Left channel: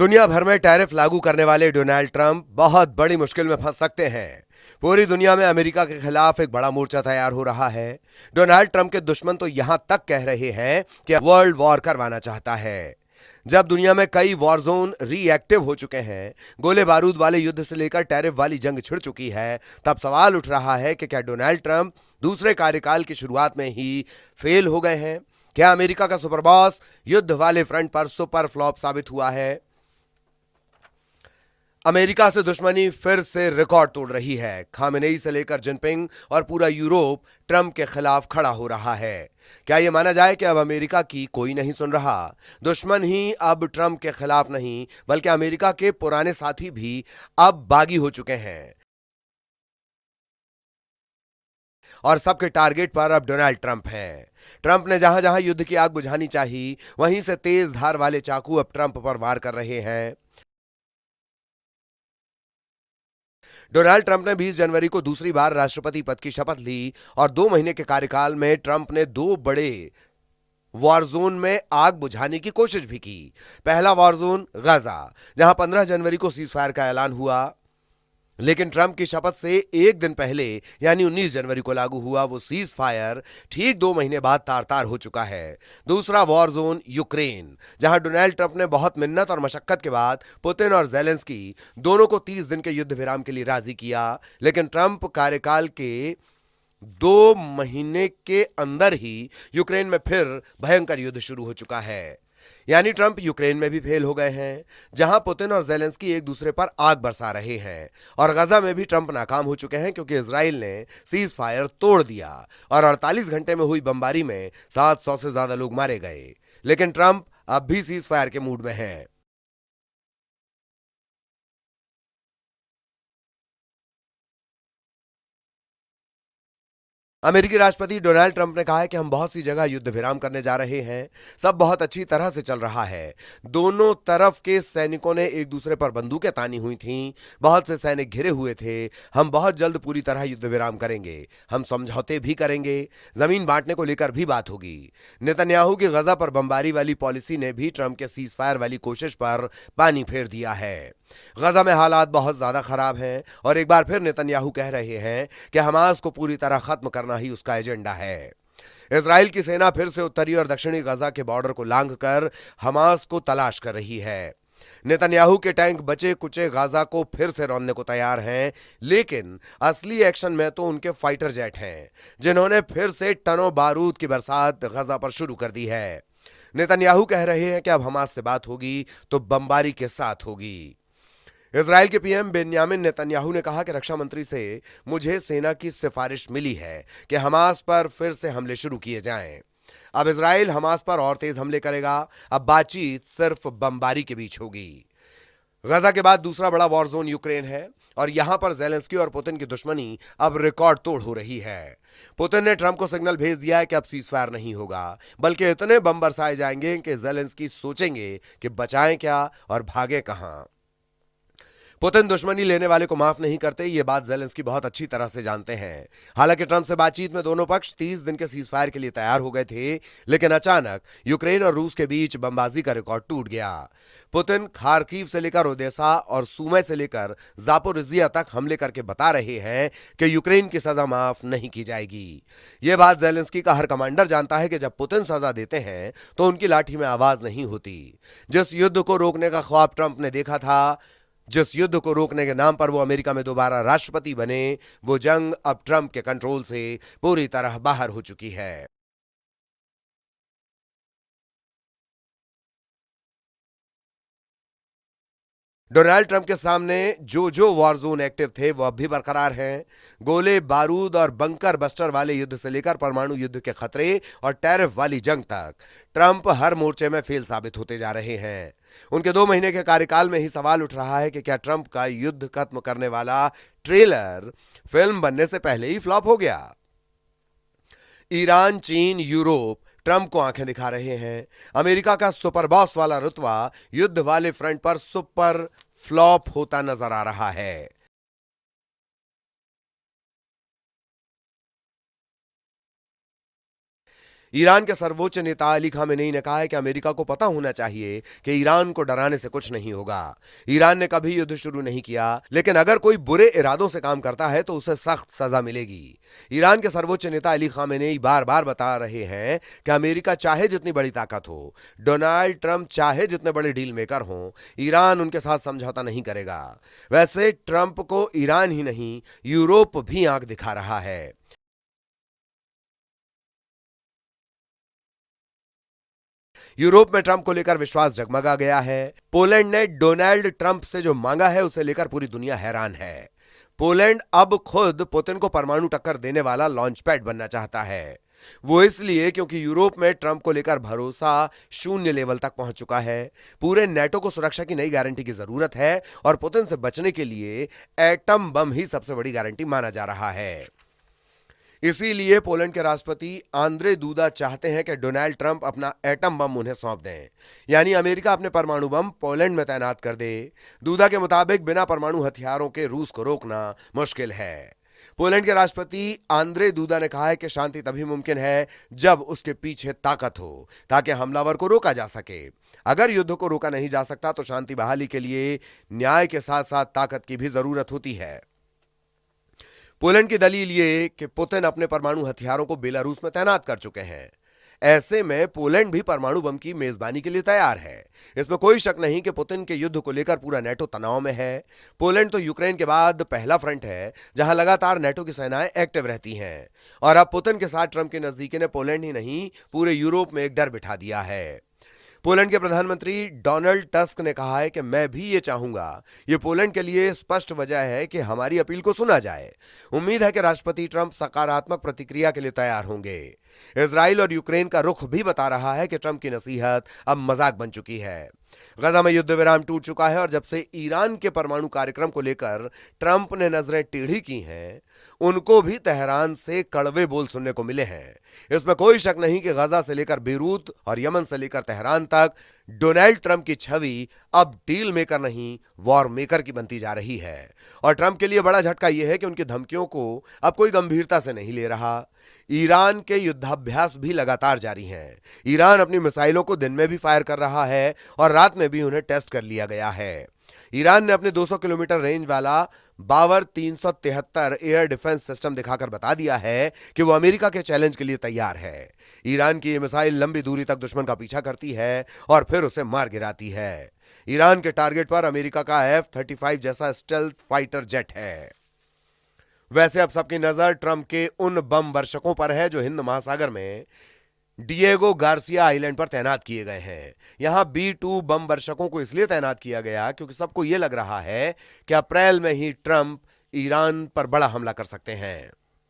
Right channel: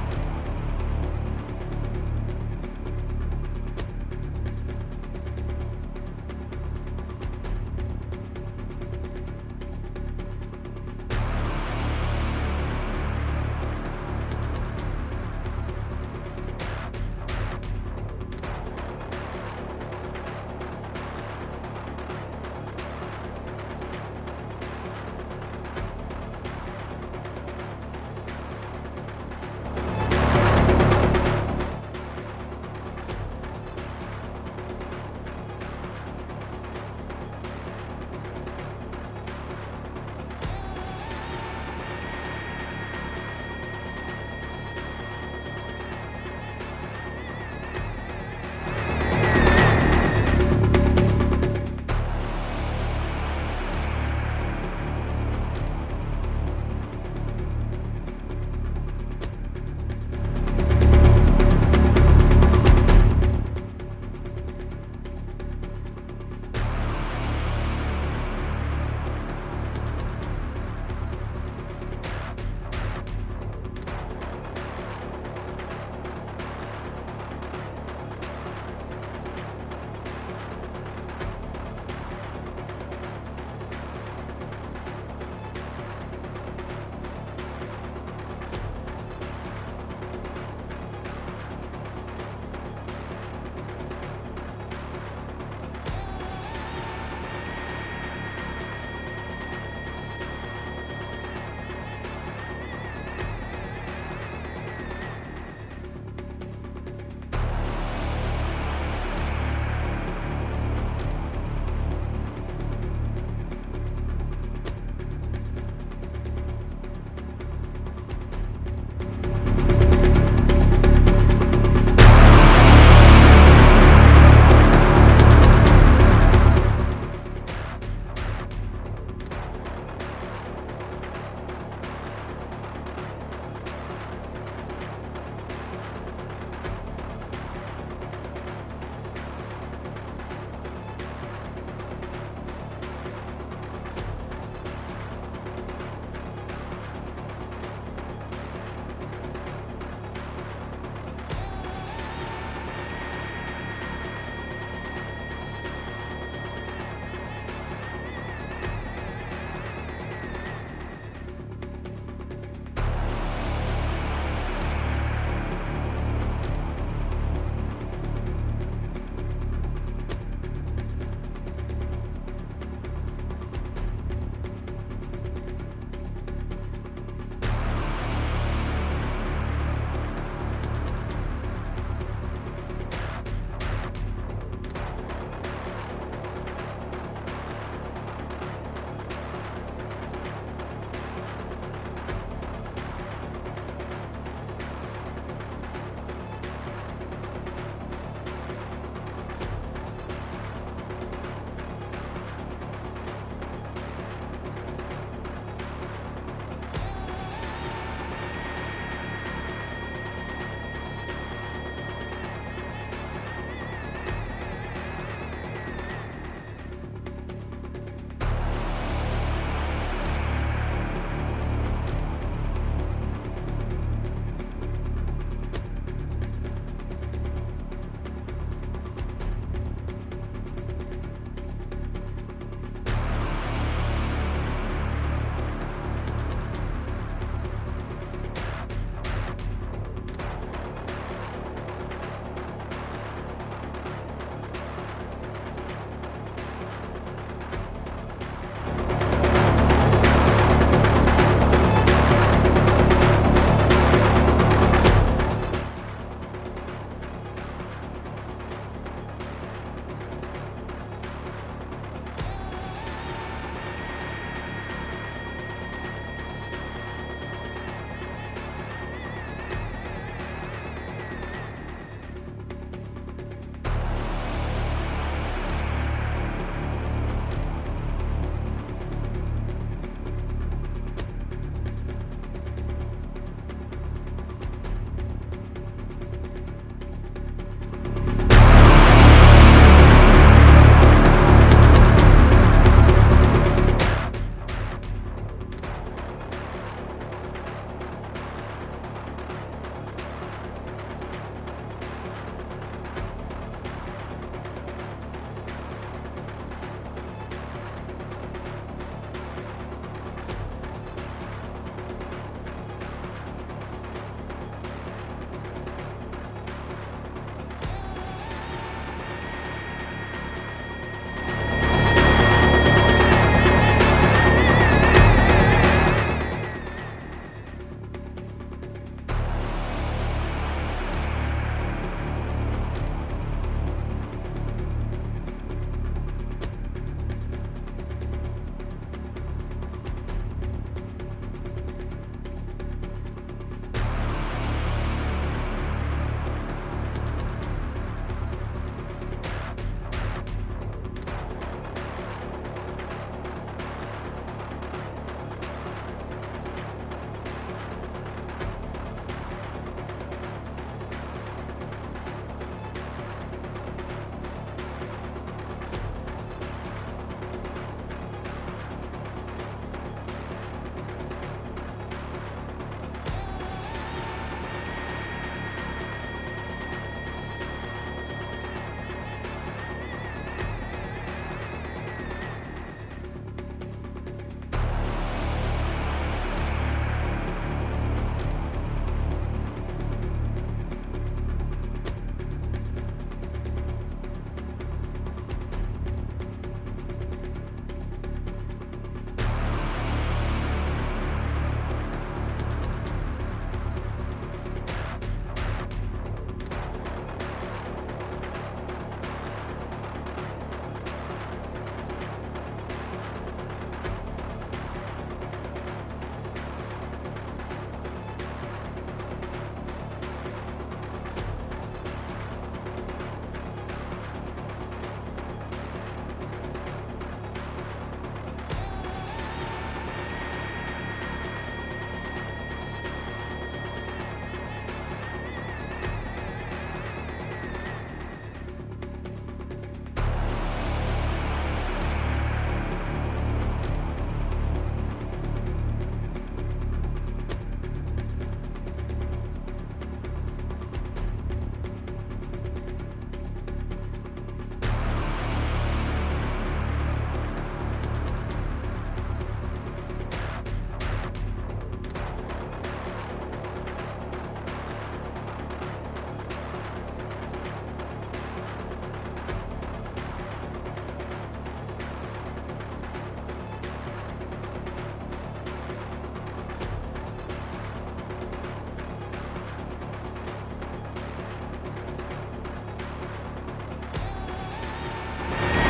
दुनिया भर में टैरिफ लागू करने वाले डोनाल्ड ट्रंप बहुत बड़ी मुश्किल में फंस सकते हैं। पूरी दुनिया में अमेरिका के खिलाफ एक बड़ा मोर्चा तैयार हो रहा है। डोनाल्ड ट्रंप के दुश्मन तो यहां तक कह रहे हैं कि वर्ल्ड वॉर करवाना चाहता है। जब दुनिया में कई वॉर जोन रीएक्टिव हो चुके हैं, गोले बारूद वाले युद्ध से लेकर टैरिफ वाली जंग छिड़ चुकी है, तब सवाल उठ रहा है कि क्या डोनाल्ड ट्रंप दूसरे कार्यकाल की शुरुआत में ही फेल हो गए हैं? क्या अमेरिका का सुपर बॉस युद्ध वाले फ्रंट पर सुपर फ्लॉप साबित हुआ है? अमेरिका से दुश्मनी फिर से रिकॉर्ड तोड़ रही है। खामेनेई से लेकर जिनपिंग और पूरा यूरोप ट्रंप के खिलाफ खड़ा हो रहा है। क्या ये माना जाए कि अब अमेरिका की कोई नहीं सुन रहा? दुश्मन ही अब ट्रंप के खिलाफ नहीं, बल्कि अमेरिका के पुराने साथी भी अब बागी हो चुके हैं और सबके टारगेट पर अब डोनाल्ड ट्रंप है। ट्रंप ने जहां जहां युद्ध की आग बुझानी चाहिए, वहीं से तेज धार वाले चाकू अब ट्रंप पर वार कर रहे हैं। डोनाल्ड ट्रंप ने 20 जनवरी को दूसरी बार राष्ट्रपति पद की शपथ ली और 2 महीने के कार्यकाल में ट्रंप ने 2 बड़े वॉर जोन में आग बुझाने की कोशिश भी की। पहला वॉर जोन गाजा, जहां 15 जनवरी को सीजफायर का ऐलान हुआ, लेकिन ट्रंप की शपथ से एक दिन पहले यानी 19 जनवरी को लागू हुआ वो सीजफायर ठीक 2 महीने बाद तार-तार हो चुका है। दूसरा वॉर जोन यूक्रेन, जहां डोनाल्ड ट्रंप ने बहुत मिन्नत और मशक्कत के बाद पुतिन और ज़ेलेंस्की दोनों को 30 दिन के युद्ध विराम के लिए राजी किया, लेकिन ट्रंप कार्यकाल के 2 महीने के अंदर ही यूक्रेन में फिर भयंकर युद्ध शुरू हो चुका है। यानी ट्रंप यूक्रेन में भी फेल हो गए हैं, जहां पुतिन और ज़ेलेंस्की एक दूसरे पर आग बरसा रहे हैं, और गजा में भी ट्रंप नाकाम हो चुके हैं क्योंकि इजराइल ने सीज फायर तोड़ दिया और 48 घंटे में हुई बमबारी में 700 से ज्यादा लोग मारे गए। लेकिन ट्रंप अब भी सीज फायर के मूड में है। अमेरिकी राष्ट्रपति डोनाल्ड ट्रंप ने कहा है कि हम बहुत सी जगह युद्ध विराम करने जा रहे हैं, सब बहुत अच्छी तरह से चल रहा है। दोनों तरफ के सैनिकों ने एक दूसरे पर बंदूकें तानी हुई थीं, बहुत से सैनिक घिरे हुए थे। हम बहुत जल्द पूरी तरह युद्ध विराम करेंगे, हम समझौते भी करेंगे, जमीन बांटने को लेकर भी बात होगी। नेतन्याहू की गजा पर बमबारी वाली पॉलिसी ने भी ट्रंप के सीज फायर वाली कोशिश पर पानी फेर दिया है। गजा में हालात बहुत ज्यादा खराब हैं और एक बार फिर नेतन्याहू कह रहे हैं कि हमास को पूरी तरह खत्म करना ही उसका एजेंडा है। इजराइल की सेना फिर से उत्तरी और दक्षिणी गजा के बॉर्डर को लांघकर हमास को तलाश कर रही है। नेतन्याहू के टैंक बचे कुचे गाजा को फिर से रौंदने को तैयार हैं, लेकिन असली एक्शन में तो उनके फाइटर जेट हैं, जिन्होंने फिर से टनों बारूद की बरसात गजा पर शुरू कर दी है। नेतन्याहू कह रहे हैं कि अब हमास से बात होगी तो बमबारी के साथ होगी। इजराइल के पीएम बेन्यामिन नेतन्याहू ने कहा कि रक्षा मंत्री से मुझे सेना की सिफारिश मिली है कि हमास पर फिर से हमले शुरू किए जाएं। अब इजराइल हमास पर और तेज हमले करेगा। अब बातचीत सिर्फ बमबारी के बीच होगी। गजा के बाद दूसरा बड़ा वॉर जोन यूक्रेन है और यहाँ पर ज़ेलेंस्की और पुतिन की दुश्मनी अब रिकॉर्ड तोड़ हो रही है। पुतिन ने ट्रंप को सिग्नल भेज दिया है कि अब सीजफायर नहीं होगा, बल्कि इतने बम बरसाए जाएंगे कि ज़ेलेंस्की सोचेंगे कि बचाएं क्या और भागे कहां। पुतिन दुश्मनी लेने वाले को माफ नहीं करते, ये बात ज़ेलेंस्की बहुत अच्छी तरह से जानते हैं। हालांकि ट्रंप से बातचीत में दोनों पक्ष 30 दिन के सीजफायर के लिए तैयार हो गए थे, लेकिन अचानक यूक्रेन और रूस के बीच बमबाजी का रिकॉर्ड टूट गया। पुतिन खार्किव से लेकर ओदेसा और सुमे से लेकर जापोरिजिया तक हमले करके बता रहे हैं कि यूक्रेन की सजा माफ नहीं की जाएगी। ये बात ज़ेलेंस्की का हर कमांडर जानता है कि जब पुतिन सजा देते हैं तो उनकी लाठी में आवाज नहीं होती। जिस युद्ध को रोकने का ख्वाब ट्रंप ने देखा था, जिस युद्ध को रोकने के नाम पर वो अमेरिका में दोबारा राष्ट्रपति बने, वो जंग अब ट्रंप के कंट्रोल से पूरी तरह बाहर हो चुकी है। डोनाल्ड ट्रंप के सामने जो वॉर जोन एक्टिव थे वो अब भी बरकरार हैं। गोले बारूद और बंकर बस्टर वाले युद्ध से लेकर परमाणु युद्ध के खतरे और टैरिफ वाली जंग तक ट्रंप हर मोर्चे में फेल साबित होते जा रहे हैं। उनके 2 महीने के कार्यकाल में ही सवाल उठ रहा है कि क्या ट्रंप का युद्ध खत्म करने वाला ट्रेलर फिल्म बनने से पहले ही फ्लॉप हो गया। ईरान, चीन, यूरोप ट्रंप को आंखें दिखा रहे हैं। अमेरिका का सुपर बॉस वाला रुतबा युद्ध वाले फ्रंट पर सुपर फ्लॉप होता नजर आ रहा है। ईरान के सर्वोच्च नेता अली खामेनेई ने कहा है कि अमेरिका को पता होना चाहिए कि ईरान को डराने से कुछ नहीं होगा। ईरान ने कभी युद्ध शुरू नहीं किया, लेकिन अगर कोई बुरे इरादों से काम करता है तो उसे सख्त सजा मिलेगी। ईरान के सर्वोच्च नेता अली खामेनेई बार-बार बता रहे हैं कि अमेरिका चाहे जितनी बड़ी ताकत हो, डोनाल्ड ट्रंप चाहे जितने बड़े डील मेकर हो, ईरान उनके साथ समझौता नहीं करेगा। वैसे ट्रंप को ईरान ही नहीं, यूरोप भी आंख दिखा रहा है। यूरोप में ट्रंप को लेकर विश्वास जगमगा गया है। पोलैंड ने डोनाल्ड ट्रंप से जो मांगा है उसे लेकर पूरी दुनिया हैरान है। पोलैंड अब खुद पुतिन को परमाणु टक्कर देने वाला लॉन्च पैड बनना चाहता है। वो इसलिए क्योंकि यूरोप में ट्रंप को लेकर भरोसा शून्य लेवल तक पहुंच चुका है। पूरे नेटो को सुरक्षा की नई गारंटी की जरूरत है और पुतिन से बचने के लिए एटम बम ही सबसे बड़ी गारंटी माना जा रहा है। इसीलिए पोलैंड के राष्ट्रपति आंद्रे दूदा चाहते हैं कि डोनाल्ड ट्रंप अपना एटम बम उन्हें सौंप दें, यानी अमेरिका अपने परमाणु बम पोलैंड में तैनात कर दे। दूदा के मुताबिक बिना परमाणु हथियारों के रूस को रोकना मुश्किल है। पोलैंड के राष्ट्रपति आंद्रे दूदा ने कहा है कि शांति तभी मुमकिन है जब उसके पीछे ताकत हो, ताकि हमलावर को रोका जा सके। अगर युद्ध को रोका नहीं जा सकता तो शांति बहाली के लिए न्याय के साथ साथ ताकत की भी जरूरत होती है। पोलैंड की दलील ये कि पुतिन अपने परमाणु हथियारों को बेलारूस में तैनात कर चुके हैं। ऐसे में पोलैंड भी परमाणु बम की मेजबानी के लिए तैयार है। इसमें कोई शक नहीं कि पुतिन के युद्ध को लेकर पूरा नेटो तनाव में है। पोलैंड तो यूक्रेन के बाद पहला फ्रंट है जहां लगातार नेटो की सेनाएं एक्टिव रहती हैं। और अब पुतिन के साथ ट्रंप की नजदीकी ने पोलैंड ही नहीं पूरे यूरोप में एक डर बिठा दिया है। पोलैंड के प्रधानमंत्री डोनाल्ड टस्क ने कहा है कि मैं भी ये चाहूंगा। ये पोलैंड के लिए स्पष्ट वजह है कि हमारी अपील को सुना जाए। उम्मीद है कि राष्ट्रपति ट्रंप सकारात्मक प्रतिक्रिया के लिए तैयार होंगे। इजराइल और यूक्रेन का रुख भी बता रहा है कि ट्रंप की नसीहत अब मजाक बन चुकी है। गजा में युद्ध विराम टूट चुका है और जब से ईरान के परमाणु कार्यक्रम को लेकर ट्रंप ने नजरें टेढ़ी की हैं, उनको भी तेहरान से कड़वे बोल सुनने को मिले हैं। इसमें कोई शक नहीं कि गजा से लेकर बेरूत और यमन से लेकर तेहरान तक डोनाल्ड ट्रंप की छवि अब डील मेकर नहीं, वॉर मेकर की बनती जा रही है। और ट्रंप के लिए बड़ा झटका यह है कि उनकी धमकियों को अब कोई गंभीरता से नहीं ले रहा। ईरान के युद्धाभ्यास भी लगातार जारी है। ईरान अपनी मिसाइलों को दिन में भी फायर कर रहा है और रात में भी उन्हें टेस्ट कर लिया गया है। ईरान ने अपने 200 किलोमीटर रेंज वाला बावर 373 एयर डिफेंस सिस्टम दिखाकर बता दिया है कि वो अमेरिका के चैलेंज के लिए तैयार है। ईरान की ये मिसाइल लंबी दूरी तक दुश्मन का पीछा करती है और फिर उसे मार गिराती है। ईरान के टारगेट पर अमेरिका का F-35 जैसा स्टेल्थ फाइटर जेट है। वैसे अब सबकी नजर ट्रंप के उन बम वर्षकों पर है जो हिंद महासागर में डिएगो गार्सिया आइलैंड पर तैनात किए गए हैं। यहाँ B-2 बम वर्षकों को इसलिए तैनात किया गया क्योंकि सबको ये लग रहा है कि अप्रैल में ही ट्रंप ईरान पर बड़ा हमला कर सकते हैं।